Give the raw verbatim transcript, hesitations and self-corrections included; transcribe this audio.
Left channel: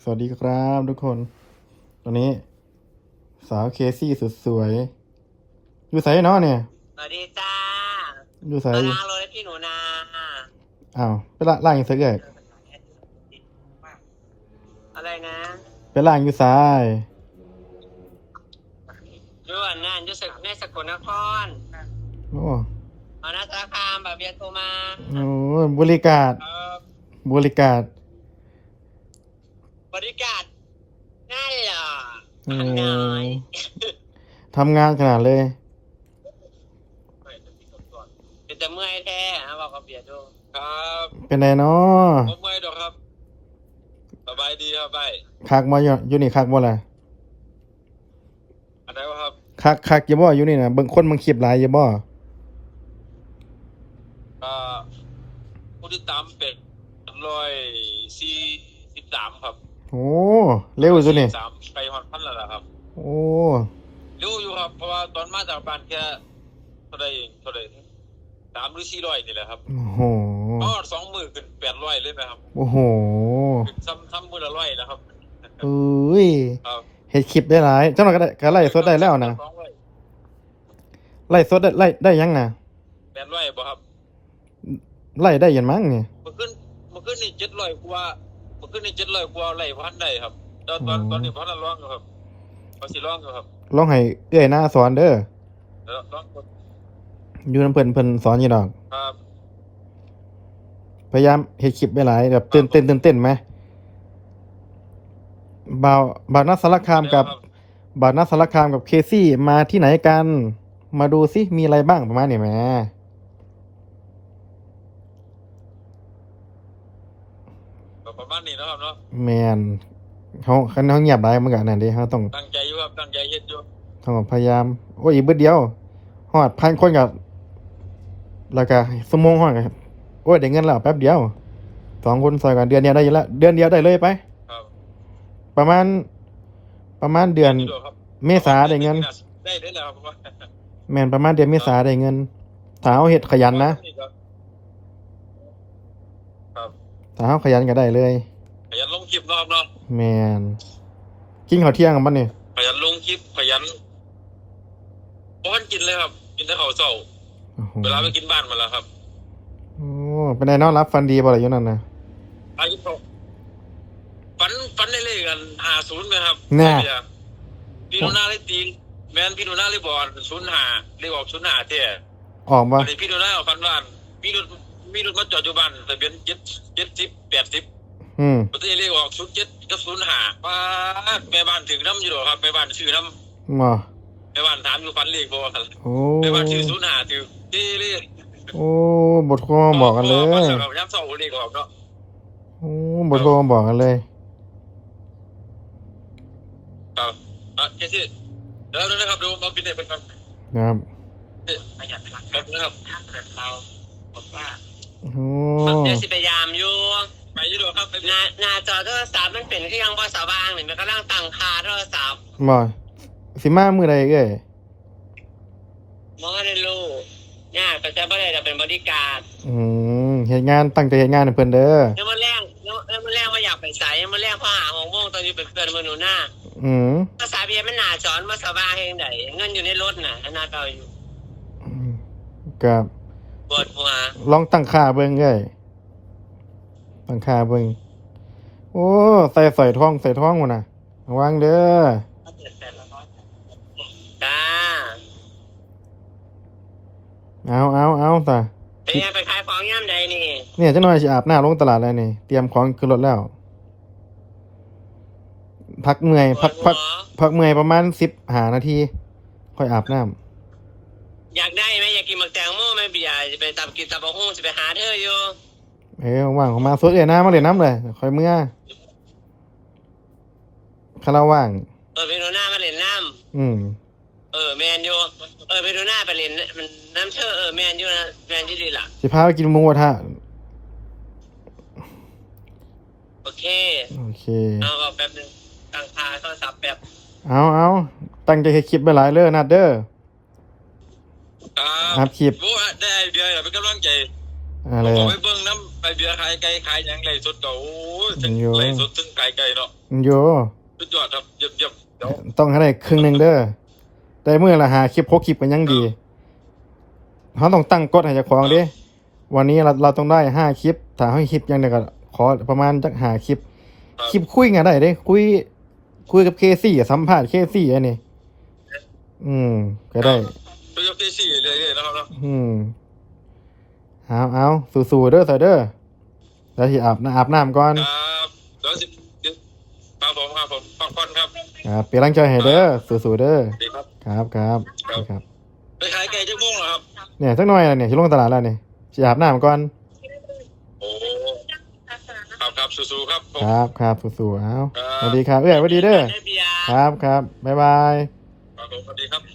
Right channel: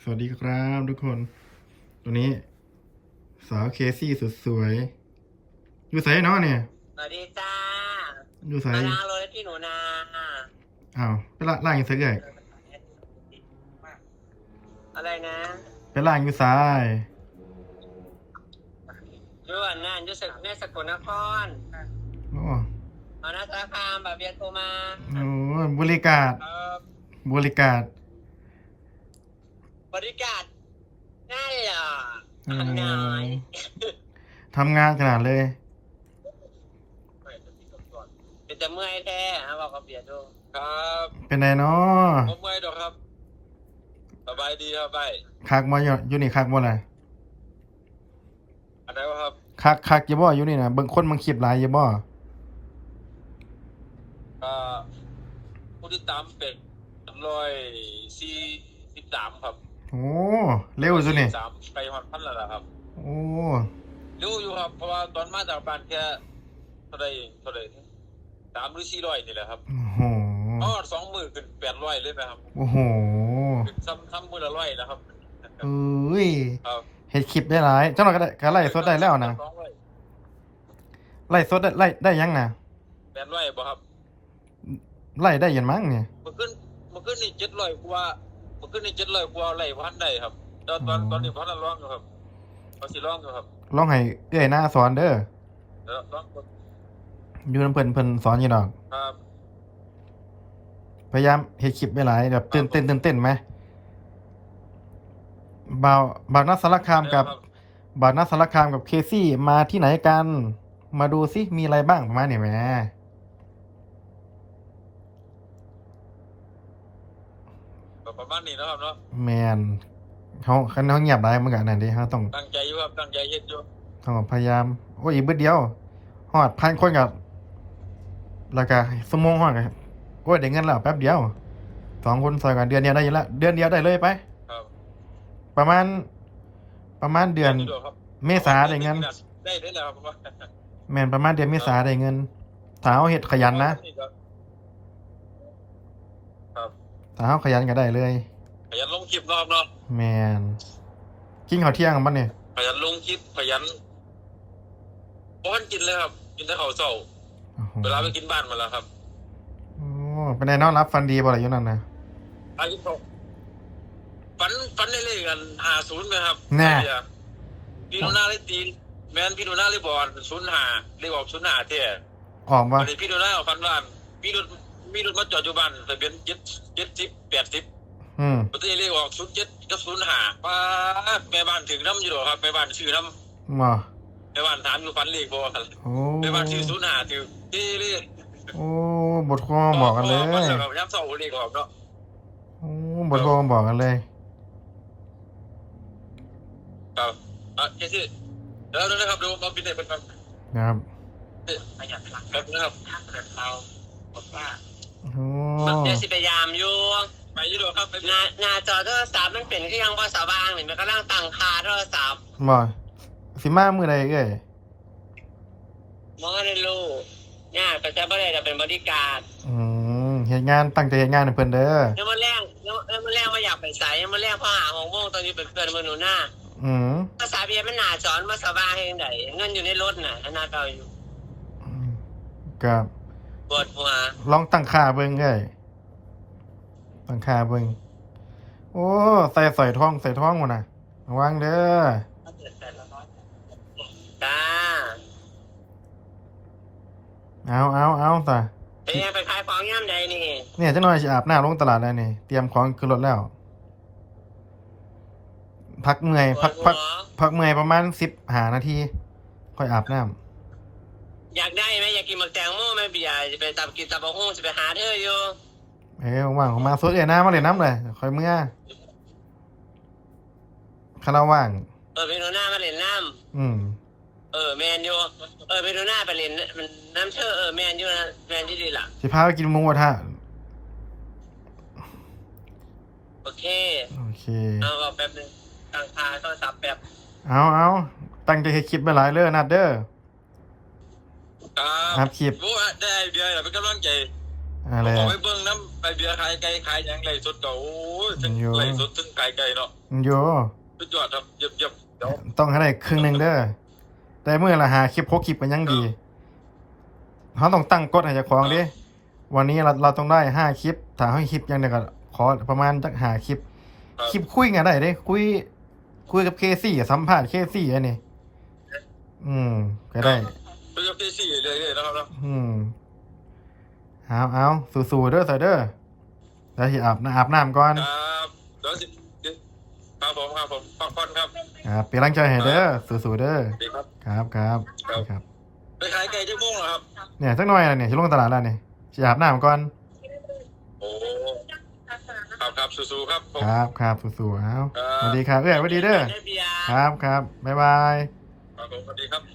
สวัสดีครับทุกคนตอนนี้สาวเคซี่สุดสวยอยู่ไสเนาะเนี่ยสวัสดีจ้าอยู่ไสมาล้างรถให้พี่หนูนาอ้าวไปละล่างอยู่ไสเอ่ยอะไรนะไปล่างอยู่ไสย้วนนั่นอยุสแม่สกลนครโอ้เอาหน้าสารคามแบบเบียโทรมาโอ้บริการบริการบริการนั่นเหรออืทำน้อยทำงานขนาดเลยเป็นแต่เมื่อยแท้เอาบอกกับเบียร์ดูครับเป็นไงเนาะผมเมื่อยดอกครับสบายดีครับไปคักมาอยู่อยู่นี่คักบ่ล่ะอะไรวะครับคักคักอยู่บ่อยู่นี่น่ะเบิ่งคนมึงคลิปหลายอยู่บ่อ่าผู้ที่ตามเป็นร้อยสี่สิบสามครับโอ้เร็วซุนี่สามไปฮอดพันแล้วล่ะครับโอ้เร็วอยู่ครับเพราะว่าตอนมาจากบ้านแค่เท่าใดเท่าใดสามหรือสี่ร้อยนี่แหละครับโอ้โหอ๋อสองมื้อขึ้นแปดร้อยเลยนะครับโอ้โหขึ้นซ้ำซ้ำมื้อละร้อยแล้วครับอุ้ยครับเฮ็ดคลิปได้หลายเจ้าหน่อยก็ได้ก็ไล่สดได้แล้วนะไล่สดได้ไล่ได้ยังน่ะแปดร้อยบ่ครับไล่ได้ยันมั้งเนี่ยเมื่อคืนเมื่อคืนนี่เจ็ดร้อยกว่าเมื่อคืนนี่เจ็ดร้อยกว่าไล่พันได้ครับตอนตอนตอนนี้พันละร้องอยู่ครับเขาสิร้องอยู่ครับลองให้เอื้อยหน้าสอนเด้อแล้วร้องอยู่นำเพิ่นเพิ่นสอนอยู่ดอกครับพยายามเฮ็ดคลิปไว้หลายแบบตื่นเต้นตื่นเต้นไหมบ่าวบ่าวนักสารคามกับบ่าวนักสารคามกับเคซี่มาที่ไหนกันมาดูซิมีอะไรบ้างประมาณนี้แหมประมาณนี้นะครับเนาะแม่นเฮาคันเฮาเงียบได้มันก็นั่นเด้เฮาต้องตั้งใจอยู่ครับตั้งใจเฮ็ดอยู่ต้องพยายามโอ้ยอีกบึดเดียวฮอดพันคนกับแล้วก็ชั่วโมงฮอดก็โอ้ยได้เงินแล้วแป๊บเดียวสองคนซอยกันเดือนเดียวได้อยู่แล้วเดือนเดียวได้เลยไปครับประมาณประมาณเดือนเมษาได้เงินได้ได้แล้วครับแม่นประมาณเดือนเมษาได้เงินถ้าเฮาเฮ็ดขยันนะถ้าเฮาขยันก็ได้เลยขยันลงคลิปเนาะครับเนาะแม่นกินข้าวเที่ยงกันบ่นี่ขยันลงคลิปขยันบ่ทันกินเลยครับกินแต่ข้าวเช้าเวลาไปกินบ้านมาแล้วครับโอ้เป็นไงน้องรับฟันดีบ่ล่ะอยู่นั่นน่ะอายุเท่าฝันฝันได้เลขกันห้าสิบมั้ยครับแน่พี่หนูนาเลยตีแม่นพี่หนูนาเลยบอกศูนย์ห้าเลขออกศูนย์ห้าแท้ออกบ่อันนี้พี่หนูนาฝันว่ามีรถมีรถมาจอดอยู่บ้านทะเบียนเจ็ด เจ็ดสิบ แปดสิบอืมบ่ได้เลขออกศูนย์เจ็ดกับศูนย์ห้าป๊าดแม่บ้านถึงนำอยู่ดอกครับแม่บ้านชื่อนำบ่แม่บ้านถามอยู่ฝันเลขบ่ครับโอ้แม่บ้านชื่อศูนย์ห้าถือที่เลขโอ้บ่โทรมาบอกกันเลยฝันแล้วก็ยามเช้าเลขออกเนาะโอ้บ่โทรมาบอกกันเลยครับอ่ะแค่สิเดี๋ยวนะครับเดี๋ยวมาปิดให้เพิ่นก่อนครับประหยัดพลังงานนะครับถ้าเกิดเราบอกว่าโอ้เดี๋ยวสิพยายามอยู่ไปอยู่ดอกครับหน้าหน้าจอโทรศัพท์มันเป็นคือยังบ่สว่างนี่มันกำลังตั้งค่าโทรศัพท์บ่สิมามื้อใดเอ้ยบ่ได้รู้เนี่ยก็จะบ่ได้จะเป็นบริการอืมเฮ็ดงานตั้งใจเฮ็ดงานให้เพิ่นเด้อเดี๋ยวมื้อแลงเดี๋ยวมื้อแลงบ่อยากไปไสมื้อแลงพอหาหกโมงตอนอยู่เป็นเพื่อนมื้อหนูหน้าอืมภาษาเบียมันหน้าจอมันสว่างเฮ็ดจังได๋เงินอยู่ในรถน่ะหน้าเก่าอยู่ก็ปวดหัวลองตั้งค่าเบิ่งเอ้ยตั้งค่าเบิ่งโอ้ใส่ใส่ท้องใส่ท้องพุ่นน่ะระวังเด้อจ้าเอาเอาเอาซะไปไปขายของยามใดนี่เนี่ยจักหน่อยสิอาบน้ำลงตลาดแล้วนี่เตรียมของขึ้นรถแล้วพักเมื่อยพักพักพักเมื่อยประมาณสิบห้านาทีค่อยอาบน้ำอยากได้ไหมอยากกินหมึกแตงโมไหมเบียร์จะไปตับกินตับะฮู้จะไปหาเธออยู่เอ้ยว่างๆมาสดเอ้ยน้ำมาเลยน้ำเลยค่อยเมื่อคาราว่างเออไปดูหน้ามาเล่นน้ำอืมเออแมนยูเออไปดูหน้าไปเล่นมันน้ำเชื่อเออแมนยูนะแมนที่ดีล่ะสิพาไปกินหมูกระทะโอเคโอเคเอาแป๊บนึงตั้งค่าโทรศัพท์แป๊บเอาเอาตั้งใจให้คลิปไปหลายเลยนัดเด้อครับนัดคลิปโอ้ได้เบียร์เป็นกำลังใจเออะไรผมบอกไปเบิ่งน้ำไปเบียร์ขายไก่ขายหยังไล่สดเก่าโอ้ยถึงอยู่ไล่สดถึงไก่ไก่เนาะโยสุดยอดครับเยี่ยมเยี่ยมเดี๋ยวต้องให้ได้ครึ่งหนึ่งเด้อแต่เมื่อละหาคลิปโคคลิปมันยังดีเขาต้องตั้งกฎให้เจ้าของเด้วันนี้เราเราต้องได้ห้าคลิปถ้าให้คลิปยังไงก็ขอประมาณจักหาคลิปครับคลิปคุยกันได้เด้ คุย คุยกับเคซี่สัมภาษณ์เคซี่อันนี้อืมก็ได้คุยกับพี่สี่เลยๆนะครับเนาะอืมเอาเอาสู้ๆเด้อใส่เด้อแล้วที่อาบน้ำอาบน้ำก่อนครับเดี๋ยวสิครับผมครับผมพักผ่อนครับครับเป็นกำลังใจให้เด้อสู้ๆเด้อดีครับครับครับครับครับไปขายไก่ชั่วโมงเหรอครับเนี่ยสักหน่อยแล้วเนี่ยที่ลงตลาดแล้วเนี่ยจะอาบน้ำก่อนโอ้ครับครับสู้ๆครับผมครับครับสู้ๆเอาครับสวัสดีครับเอ้ยสวัสดีเด้อได้เบียร์ครับครับบ๊ายบายครับผมสวัสดีครับ